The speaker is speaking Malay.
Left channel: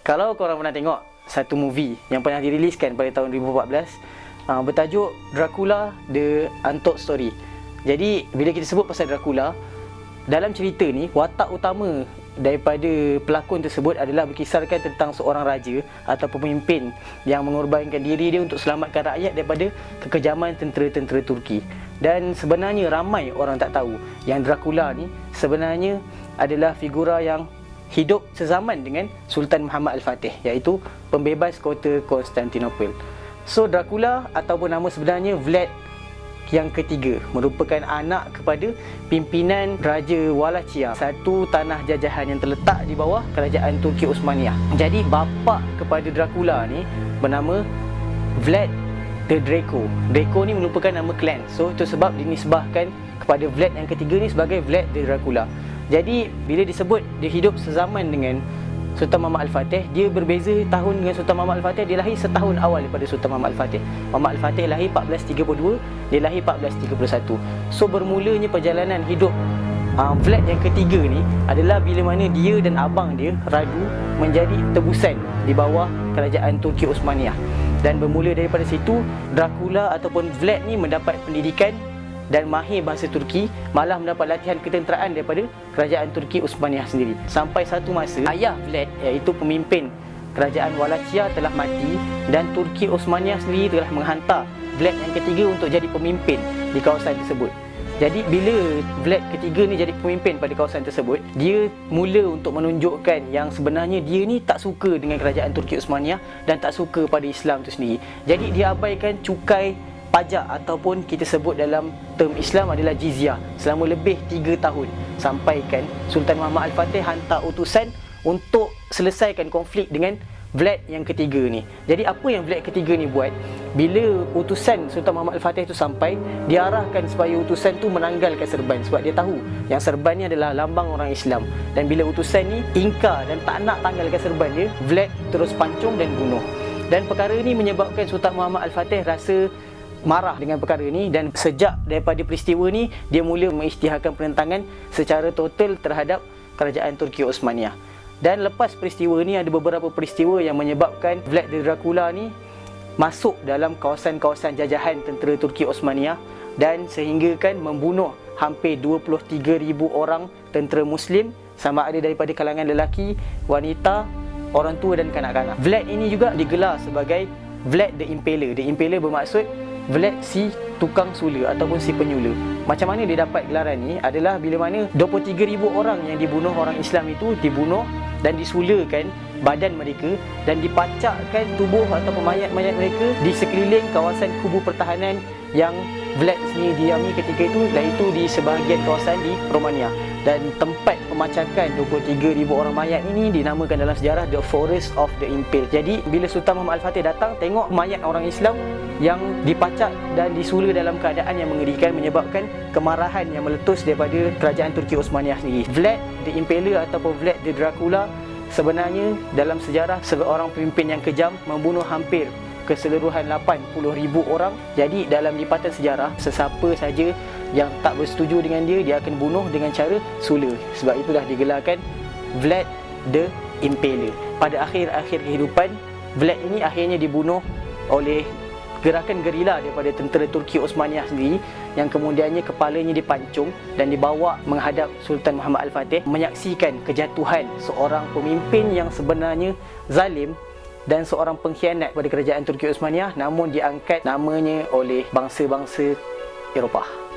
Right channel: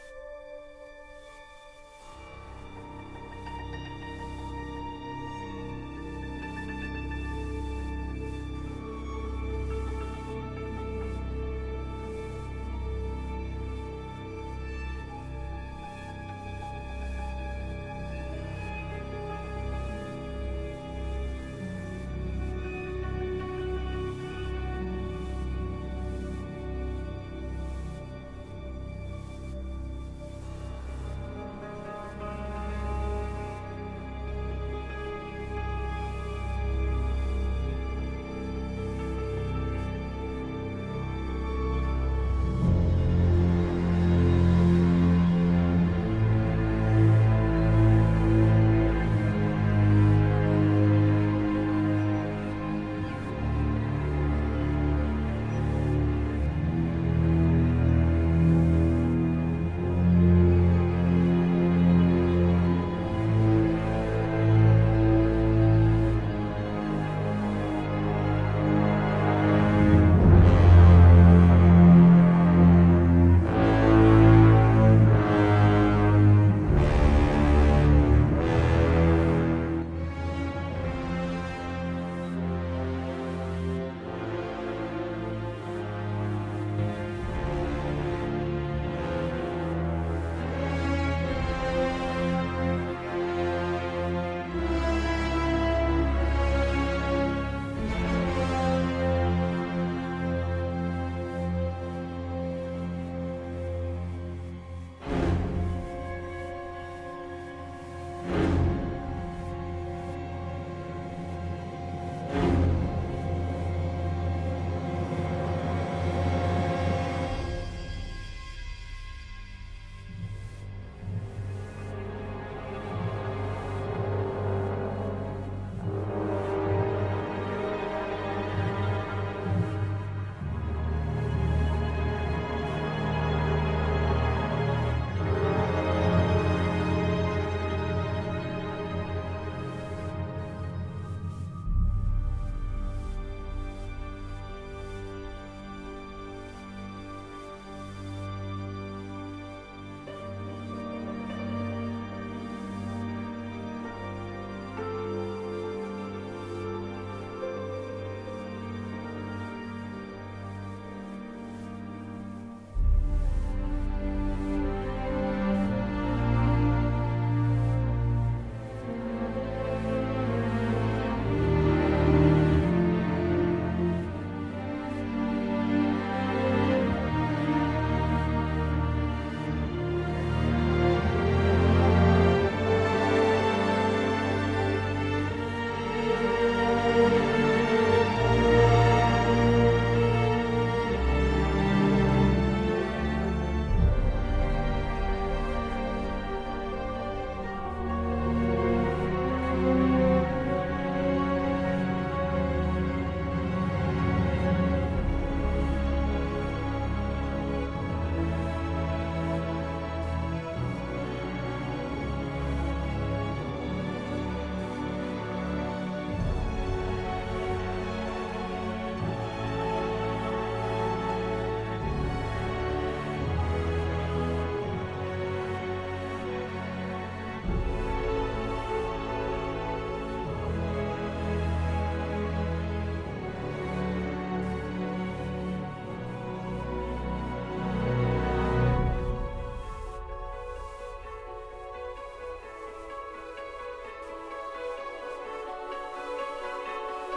Kalau korang pernah tengok satu movie yang pernah diriliskan pada tahun 2014, bertajuk Dracula The Untold Story. Jadi bila kita sebut pasal Dracula, dalam cerita ni watak utama daripada pelakon tersebut adalah berkisarkan tentang seorang raja atau pemimpin yang mengorbankan diri dia untuk selamatkan rakyat daripada kekejaman tentera-tentera Turki. Dan sebenarnya ramai orang tak tahu yang Dracula ni sebenarnya adalah figura yang hidup sezaman dengan Sultan Muhammad Al-Fatih, iaitu pembebas kota Konstantinopel. So Dracula ataupun nama sebenarnya Vlad yang ketiga merupakan anak kepada pimpinan Raja Wallachia, satu tanah jajahan yang terletak di bawah kerajaan Turki Osmaniyah. Jadi bapa kepada Dracula ni bernama Vlad the Draco. Draco ni merupakan nama klan. So itu sebab dinisbahkan kepada Vlad yang ketiga ni sebagai Vlad the Dracula. Jadi bila disebut dia hidup sezaman dengan Sultan Muhammad Al-Fatih, dia berbeza tahun dengan Sultan Muhammad Al-Fatih. Dia lahir setahun awal daripada Sultan Muhammad Al-Fatih. Muhammad Al-Fatih lahir 1432, dia lahir 1431. So bermulanya perjalanan hidup Vlad yang ketiga ni adalah bila mana dia dan abang dia Raju menjadi tebusan di bawah kerajaan Turki Osmaniyah. Dan bermula daripada situ, Dracula ataupun Vlad ni mendapat pendidikan dan mahir bahasa Turki, malah mendapat latihan ketenteraan daripada kerajaan Turki Osmaniyah sendiri. Sampai satu masa ayah Vlad, iaitu pemimpin kerajaan Wallachia, telah mati dan Turki Osmaniyah sendiri telah menghantar Vlad yang ketiga untuk jadi pemimpin di kawasan tersebut. Jadi bila Vlad ketiga ni jadi pemimpin pada kawasan tersebut, dia mula untuk menunjukkan yang sebenarnya dia ni tak suka dengan kerajaan Turki Osmaniyah dan tak suka pada Islam itu sendiri. Jadi dia abaikan cukai pajak ataupun kita sebut dalam term Islam adalah jizyah selama lebih 3 tahun, sampaikan Sultan Muhammad Al-Fatih hantar utusan untuk selesaikan konflik dengan Vlad yang ketiga ni. Jadi apa yang Vlad ketiga ni buat, bila utusan Sultan Muhammad Al-Fatih tu sampai, dia arahkan supaya utusan tu menanggalkan serban, sebab dia tahu yang serban ni adalah lambang orang Islam. Dan bila utusan ni ingkar dan tak nak tanggalkan serban dia, Vlad terus pancung dan bunuh. Dan perkara ini menyebabkan Sultan Muhammad Al-Fatih rasa marah dengan perkara ni, dan sejak daripada peristiwa ni dia mula mengisytiharkan penentangan secara total terhadap kerajaan Turki Osmaniyah. Dan lepas peristiwa ni ada beberapa peristiwa yang menyebabkan Vlad the Dracula ni masuk dalam kawasan-kawasan jajahan tentera Turki Osmaniyah dan sehinggakan membunuh hampir 23,000 orang tentera Muslim, sama ada daripada kalangan lelaki, wanita, orang tua dan kanak-kanak. Vlad ini juga digelar sebagai Vlad the Impaler. The Impaler bermaksud Vlad si tukang sula ataupun si penyula. Macam mana dia dapat gelaran ni adalah bila mana 23,000 orang yang dibunuh orang Islam itu dibunuh dan disulakan badan mereka dan dipancakkan tubuh ataupun mayat-mayat mereka di sekeliling kawasan kubu pertahanan yang Vlad sendiri diami ketika itu, iaitu di sebahagian kawasan di Romania. Dan tempat pemacakan 23,000 orang mayat ini dinamakan dalam sejarah The Forest of the Impaled. Jadi bila Sultan Muhammad Al-Fatih datang tengok mayat orang Islam yang dipacak dan disula dalam keadaan yang mengerikan, menyebabkan kemarahan yang meletus daripada kerajaan Turki Osmaniyah sendiri. Vlad the Impaler ataupun Vlad the Dracula sebenarnya dalam sejarah seorang pemimpin yang kejam, membunuh hampir keseluruhan 80,000 orang. Jadi dalam lipatan sejarah, sesiapa saja yang tak bersetuju dengan dia, dia akan bunuh dengan cara sula. Sebab itulah digelarkan Vlad the Impaler. Pada akhir-akhir kehidupan, Vlad ini akhirnya dibunuh oleh gerakan gerila daripada tentera Turki Osmaniyah sendiri, yang kemudiannya kepalanya dipancung dan dibawa menghadap Sultan Muhammad Al-Fatih, menyaksikan kejatuhan seorang pemimpin yang sebenarnya zalim dan seorang pengkhianat pada kerajaan Turki Osmaniyah, namun diangkat namanya oleh bangsa-bangsa Eropah.